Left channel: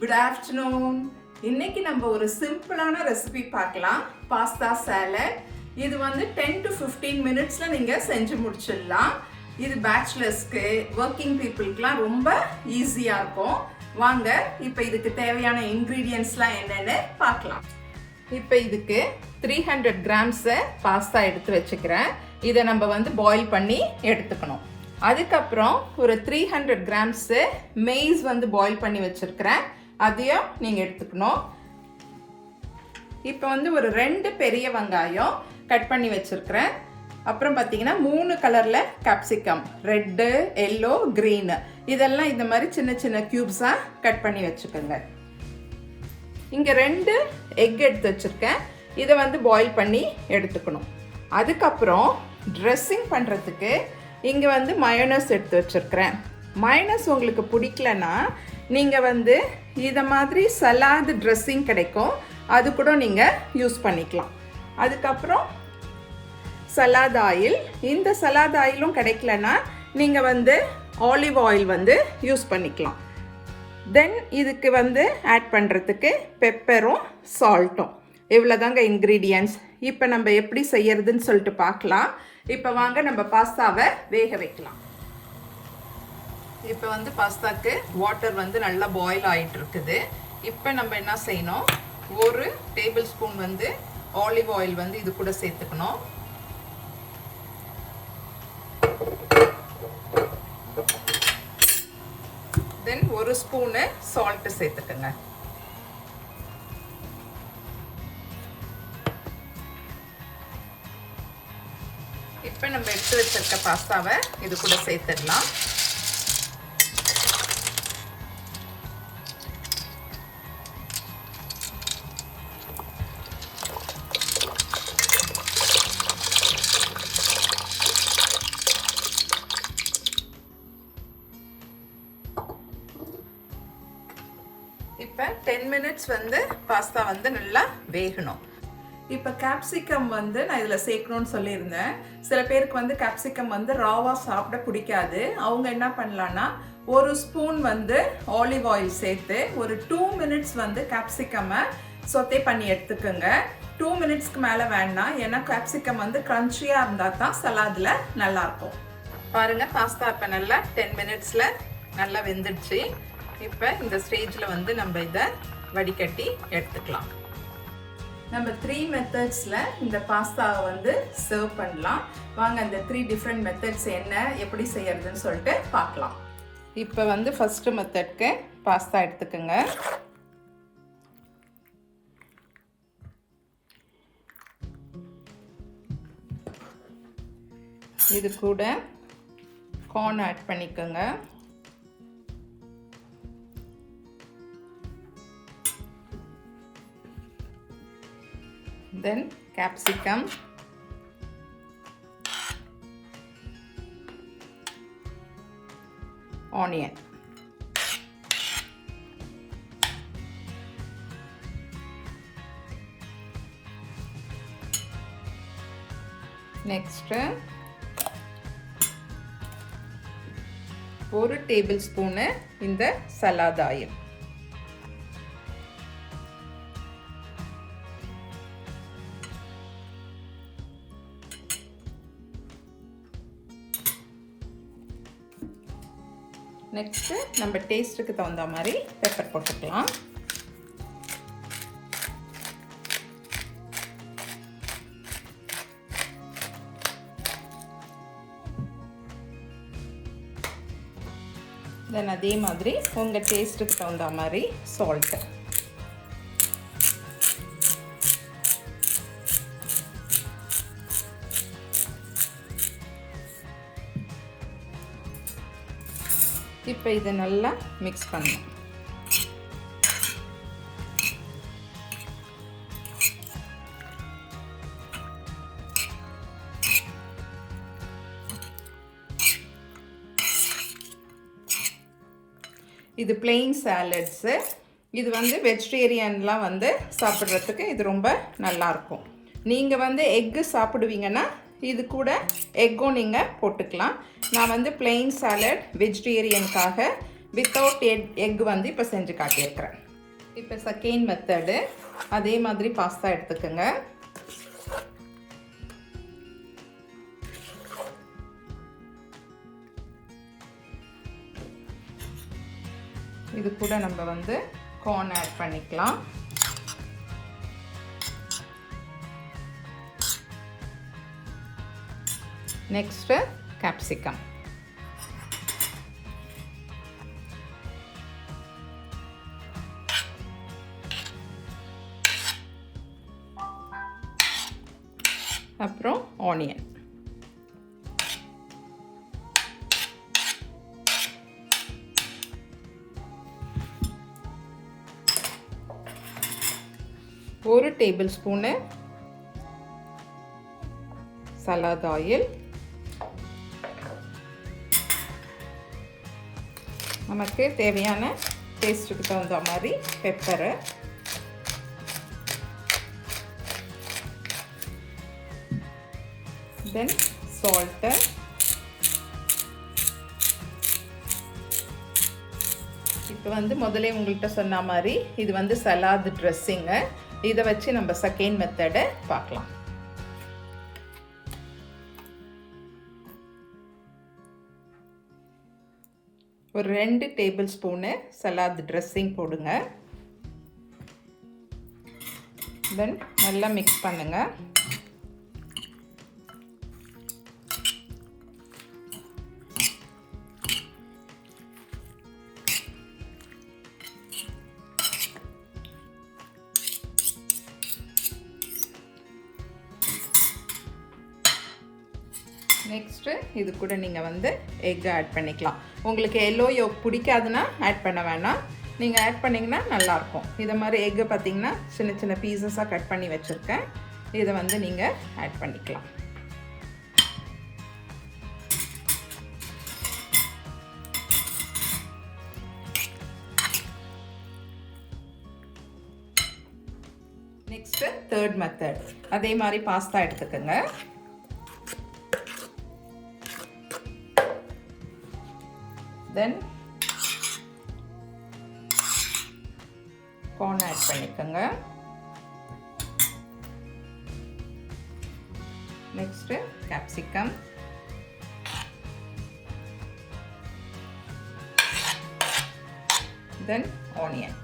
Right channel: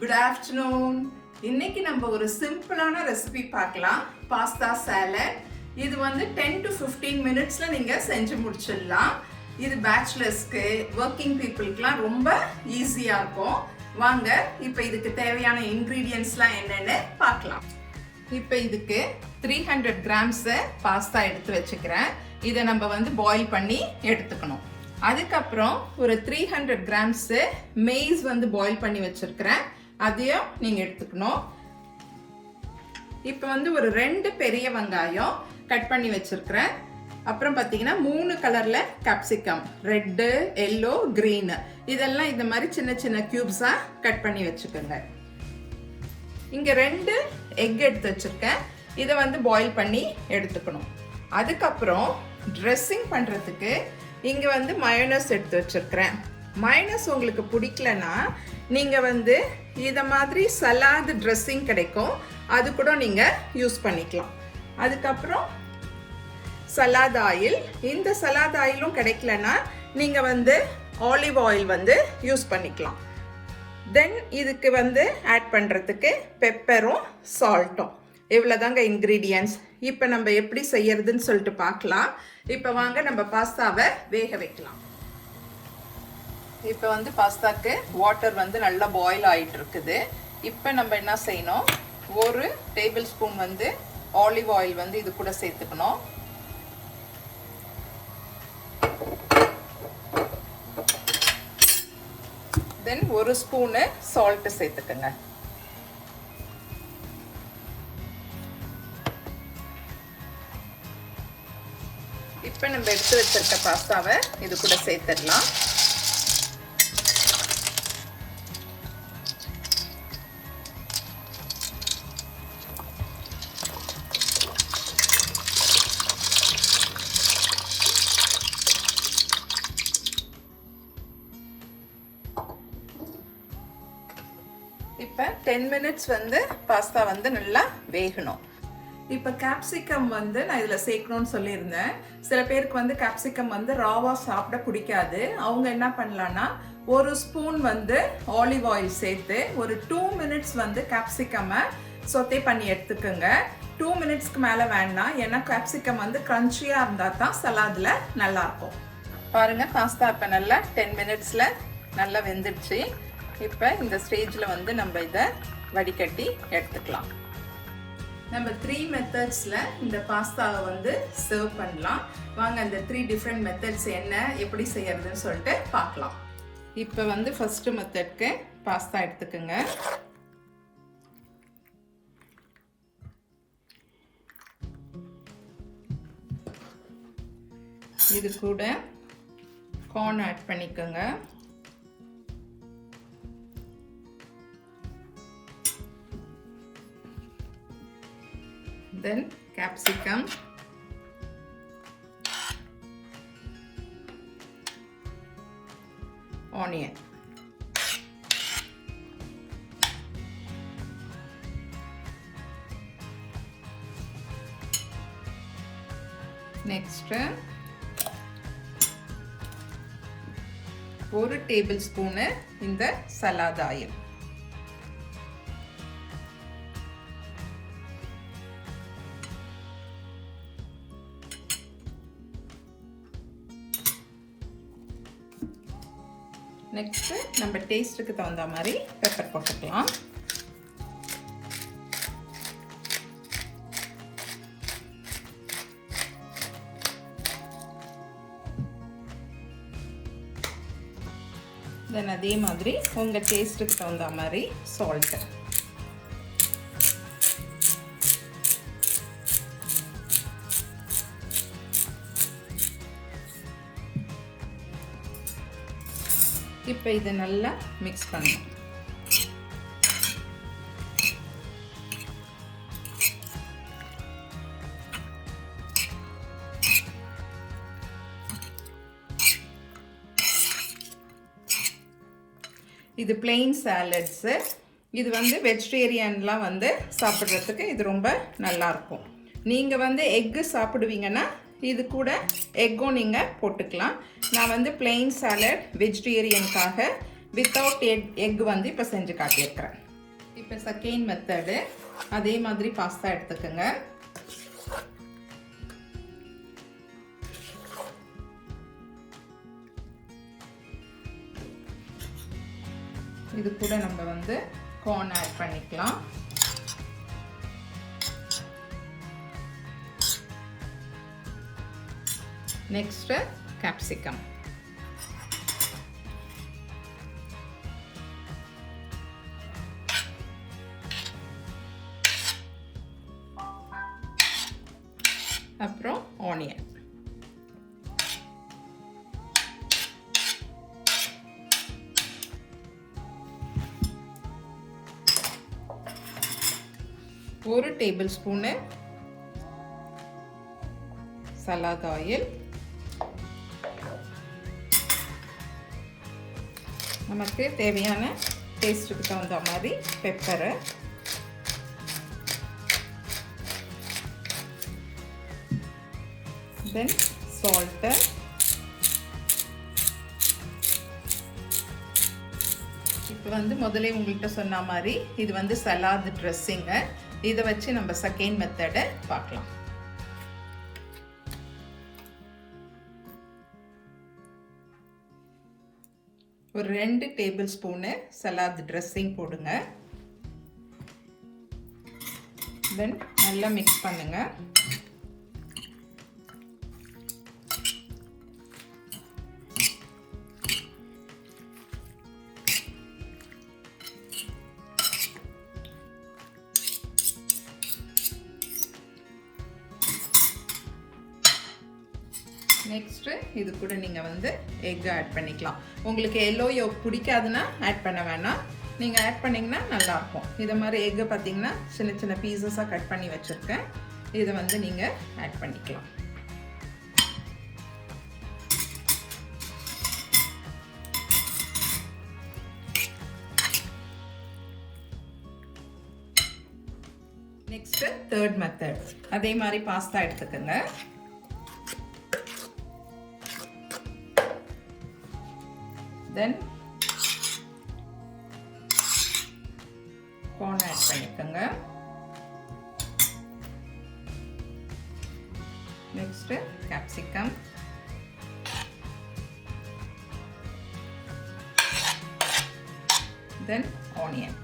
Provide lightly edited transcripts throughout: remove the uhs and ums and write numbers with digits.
Good afternoon. இன்னைக்கு நம்ம ஒரு சிம்பிளான ரெசிபி பார்க்கலாம். Pasta salad. இது வந்து 10 to 15 மினிட்ஸ்ல நீங்க செஞ்சு முடிச்சிடலாம். இது பேச்சுலர்ஸ்க்கு, ஒர்க்கிங் பீப்புளுக்குலாம் ரொம்ப ஈஸியா இருக்கும். வாங்க இப்போ இதுக்கு தேவையான இன்கிரீடியன்ட்ஸ்லாம் என்னன்னு பார்க்கலாம். இப்போ இதுக்கு 300 கிராம்ஸ் பாஸ்தா எடுத்து வச்சுக்கிறேன். இதை நம்ம வந்து பாயில் பண்ணி எடுத்துக்கணும். அதுக்கப்புறம் ஒரு 300 கிராம்ஸ் maize வந்து பாயில் பண்ணி வச்சிருக்கிறேன். அதையும் நீங்க எடுத்துக்கணும். இப்போ வந்து ஒரு 2 பெரிய வெங்காயம் கட் பண்ணி வச்சிருக்கிறேன். அப்புறம் பார்த்தீங்கன்னா 3 கலர்ல capsicum, ரெட், எல்லோ, கிரீன், இதெல்லாம் இந்த மாதிரி சின்ன சின்ன கியூப்ஸா கட் பண்ணி வச்சுக்கோங்க. இங்க 2 எக் எடுத்து வச்சிருக்கேன். இதை வந்து பாயில் பண்ணி எடுத்துக்கணும். அதுக்கப்புறம் ட்ரெஸ்ஸிங் பண்றதுக்கு இங்க வந்து மயோனஸ் எடுத்து வச்சிருக்கிறேன். மயோனஸ் உங்களுக்கு பிடிக்கலனா நீங்க வந்து இத மாதிரி சலாட் ட்ரெஸ்ஸிங் கிடைக்கும், அது கூட நீங்க யூஸ் பண்ணிக்கலாம். அதுக்கப்புறம் சலாட் ஆயில், இந்த சலாட் ஆயிலும் கிடைக்கலனா நீங்க வந்து ஆலிவ் ஆயில் வந்து யூஸ் பண்ணிக்கலாம். தென் இதுக்கு வந்து ஆட் பண்றதுக்கு பெப்பரும் சால்ட்டும். இவ்வளவுதாங்க இன்கிரீடியன்ட்ஸ். இப்போ நம்ம எப்படி செய்யறதுன்னு சொல்லிட்டு பார்க்கலாம். இப்போ வாங்க நம்ம பாஸ்தாவை வேக வைக்கலாம். இப்போ வந்து பாஸ்தாக்கு வாட்டர் வந்து நல்லா பாயில் ஆயிட்டு இருக்குது. இப்போ நம்ம என்ன செய்யணும், 1 டேபிள் ஸ்பூன் வந்து ஆலிவ் ஆயில் வந்து இது கூட சேர்த்துக்கணும். தென் 1 ஸ்பூன் சால்ட் சேர்த்துக்கங்க. இப்போ நம்ம எடுத்து வச்சிருக்க பாஸ்தாவை இது கூட சேர்த்துடலாம். இப்போ 10 மினிட்ஸ் வந்து பாஸ்தா வந்து நல்லா வேகணும். இப்போ கேப்சிகம் வந்து நான் இதில் சேர்க்கணும்னு சொல்லியிருந்தேன். சில பேருக்கு வந்து கேப்சிகம் வந்து ராவா சாப்பிட பிடிக்காது. அவங்க என்ன பண்ணலான்னா 1 ஸ்பூன் வந்து ஆலிவ் ஆயில் சேர்த்து ஒரு 2 மினிட்ஸ் வந்து கேப்சிகமை சொத்தே பண்ணி எடுத்துக்கோங்க. 2 மினிட்ஸ்க்கு மேலே வேண்டாம், ஏன்னா கேப்சிகம் வந்து க்ரன்ச்சியாக இருந்தால் தான் சலாதில் நல்லாயிருக்கும். பாருங்கள், பாஸ்தா இப்போ நல்லா 10 மினிட்ஸில் நல்லா வெந்துடுச்சு. இப்போ இந்த ஸ்டேஜில் வந்து நம்ம இதை வடிகட்டி எடுத்துக்கலாம். நம்ம 3 மெத்தட்ஸில் இந்த பாஸ்தாவை வந்து சர்வ் பண்ணலாம். வாங்க அந்த 3 டிஃப்ரெண்ட் மெத்தட்ஸ் என்ன, எப்படி செய்யறதுன்னு சொல்லிட்டு பார்க்கலாம். இப்போ வந்து ஃபர்ஸ்ட் மெத்தட்க்கு பாஸ்தா எடுத்துக்கோங்க. இது கூட கார்ன் ஆட் பண்ணிக்கோங்க. Then capsicum, onion, next 1 table spoon இந்த சலாட் ஆயில். நெக்ஸ்ட் நம்ம டேஸ்ட்டுக்கு தகுந்த மாதிரி பெப்பர் போட்டுக்கலாம். தென் அதே மாதிரி உங்கள் டேஸ்ட்டுக்கு தகுந்த மாதிரி சால்ட்டு. இப்போ இது நல்லா மிக்ஸ் பண்ணணும். இது பிளெயின் சாலட்ஸு. இது வந்து வெஜிடேரியன்லாம் வந்து சாப்பிட்றதுக்கு இது ரொம்ப நல்லாயிருக்கும். நீங்கள் வந்து எக்கு சாப்பிடுவீங்கன்னா இது கூட எக்கும் நீங்கள் போட்டுக்கலாம். நான் வந்து பிளெயின் சாலட் வெஜிடேரியனுக்காக வித்தவுட் எக் வந்து இப்போ செஞ்சு காட்டியிருக்கிறேன். இப்போ செகண்ட் மெத்தடு, அதே மாதிரி பாஸ்தா எடுத்துக்கோங்க. இது கூட நம்ம வந்து corn ஆட் பண்ணிக்கலாம். Next capsicum. அப்புறம் ஆனியன். ஒரு டேபிள் ஸ்பூன் சலாட் ஆயில். நமக்கு தேவையான டேஸ்ட்டுக்கு தகுந்த மாதிரி பெப்பரை, தென் சால்ட்டு, இப்போ வந்து முதலே உங்கள்கிட்ட சொன்ன மாதிரி இது வந்து சலாட் ட்ரெஸ்ஸிங்கு. இதை வச்சு நம்ம செகண்ட் மெத்தடை பார்க்கலாம். ஒரு 2 டேபிள் ஸ்பூனு சலாட் ட்ரெஸ்ஸிங் போடுங்க. தென் நல்லா மிக்ஸ் பண்ணுங்க. நெக்ஸ்ட்டு இது கூட நீங்கள் வந்து எக் ஆட் பண்ணிக்கலாம். உங்களுக்கு எல்லோ யோக் பிடிக்காதுன்னா ஆட் பண்ண வேணாம். நீங்கள் ஆட் பண்ணிங்கன்னா நல்லாயிருக்கும். இதை மாதிரி எக்கு பார்த்தீங்கன்னா சின்ன சின்ன பீசஸாக கட் பண்ணி வச்சுருக்கேன். இதை வந்து நீங்கள் ஆட் பண்ணிக்கலாம். நெக்ஸ்ட்டு தேர்ட் மெத்தட், அதே மாதிரி பாஸ்தா எடுத்துக்கோங்க. தென் corn ஆட் பண்ணிக்கோங்க. நெக்ஸ்ட் capsicum, தென் ஆனியன்.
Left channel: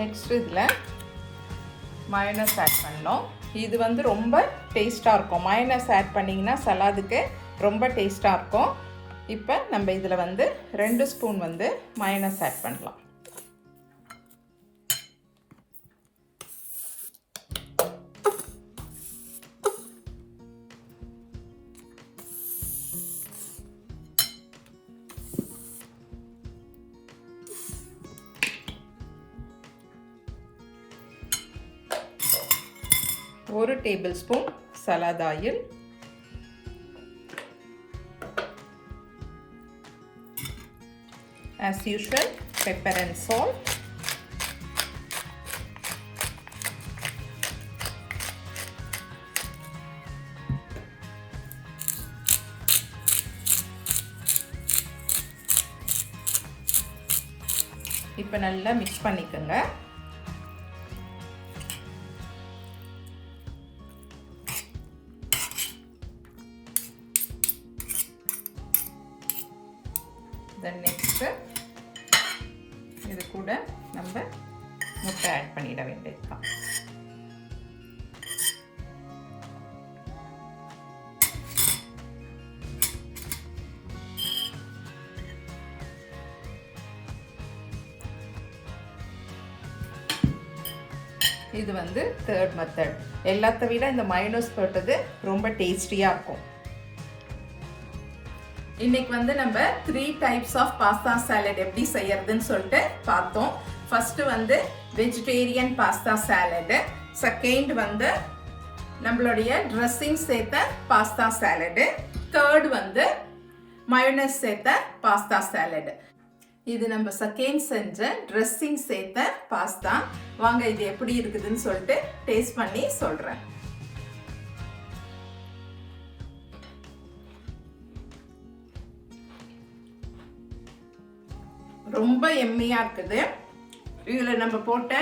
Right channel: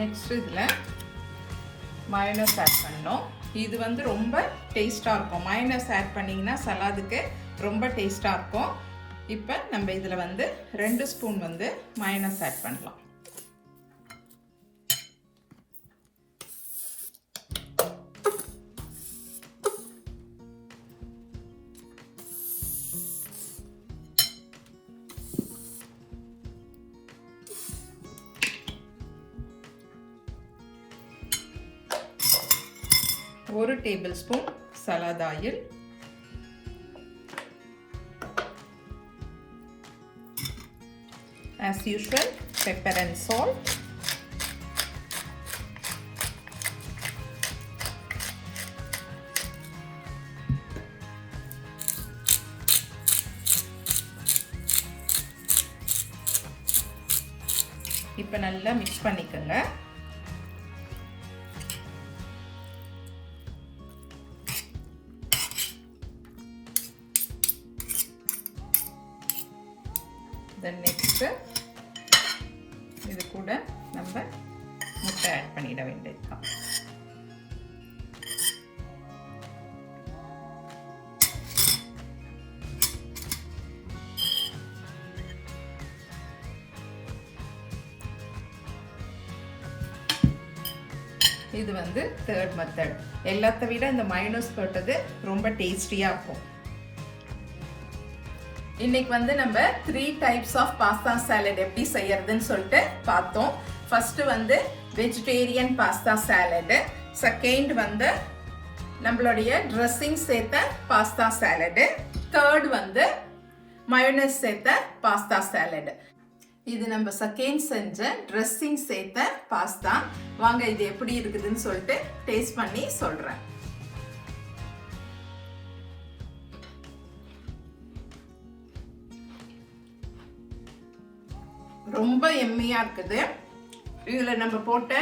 நெக்ஸ்ட் இதில் மயோனஸ் ஆட் பண்ணோம். இது வந்து ரொம்ப டேஸ்ட்டாக இருக்கும். மயோனஸ் ஆட் பண்ணிங்கன்னா சலாதுக்கு ரொம்ப டேஸ்ட்டாக இருக்கும். இப்போ நம்ம இதில் வந்து 2 ஸ்பூன் வந்து மயோனஸ் ஆட் பண்ணலாம். ஒரு table spoon salad oil, as usual pepper and salt, இப்போ நல்லா மிக்ஸ் பண்ணிக்கோங்க. தென் நெக்ஸ்ட்டு இது கூட நம்ம முட்டை ஆட் பண்ணிட வேண்டியதுதான். இது வந்து தேர்ட் மெத்தட். எல்லாத்த விட இந்த மைனஸ் போட்டது ரொம்ப டேஸ்டியாக இருக்கும். இன்னைக்கு வந்து நம்ம 3 டைப்ஸ் ஆஃப் பாஸ்தா சாலட் எப்படி செய்யறதுன்னு சொல்லிட்டு பார்த்தோம். ஃபர்ஸ்ட் வந்து வெஜிடேரியன் பாஸ்தா சாலடு, செகண்ட் வந்து நம்மளுடைய ட்ரெஸ்ஸிங் சேர்த்த பாஸ்தா சாலடு, தேர்ட் வந்து மயோனஸ் சேர்த்த பாஸ்தா சாலடு. இது நம்ம செகண்ட் செஞ்ச ட்ரெஸ்ஸிங் சேர்த்த பாஸ்தா. வாங்க இது எப்படி இருக்குதுன்னு சொல்லிட்டு டேஸ்ட் பண்ணி சொல்றேன். ரொம்ப எம்மியா இருக்குது. இதில் நம்ம போட்ட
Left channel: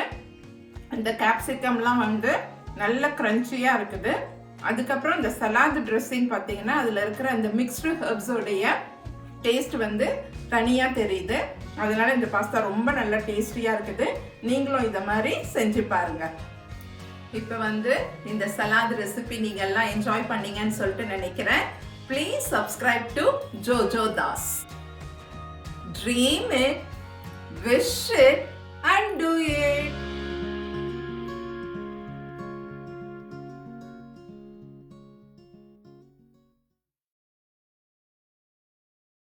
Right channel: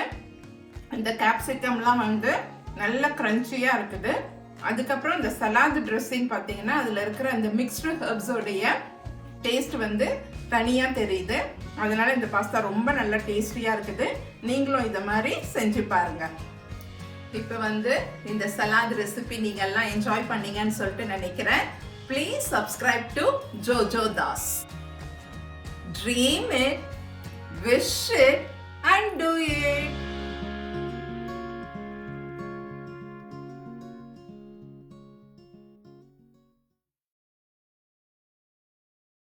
இந்த கேப்சிகம்லாம் வந்து நல்ல கிரன்ச்சியாக இருக்குது. அதுக்கப்புறம் இந்த சலாட் ட்ரெஸ்ஸிங் பார்த்தீங்கன்னா அதில் இருக்கிற அந்த மிக்ஸ்டு ஹெர்ப்ஸோடைய டேஸ்ட் வந்து தனியாக தெரியுது. அதனால இந்த பாஸ்தா ரொம்ப நல்ல டேஸ்டியாக இருக்குது. நீங்களும் இந்த மாதிரி செஞ்சு பாருங்க. இப்போ வந்து இந்த சலாட் ரெசிபி நீங்கள் எல்லாம் என்ஜாய் பண்ணீங்கன்னு சொல்லிட்டு நினைக்கிறேன். Please subscribe to Jojo Das. Dream it, wish it and do it.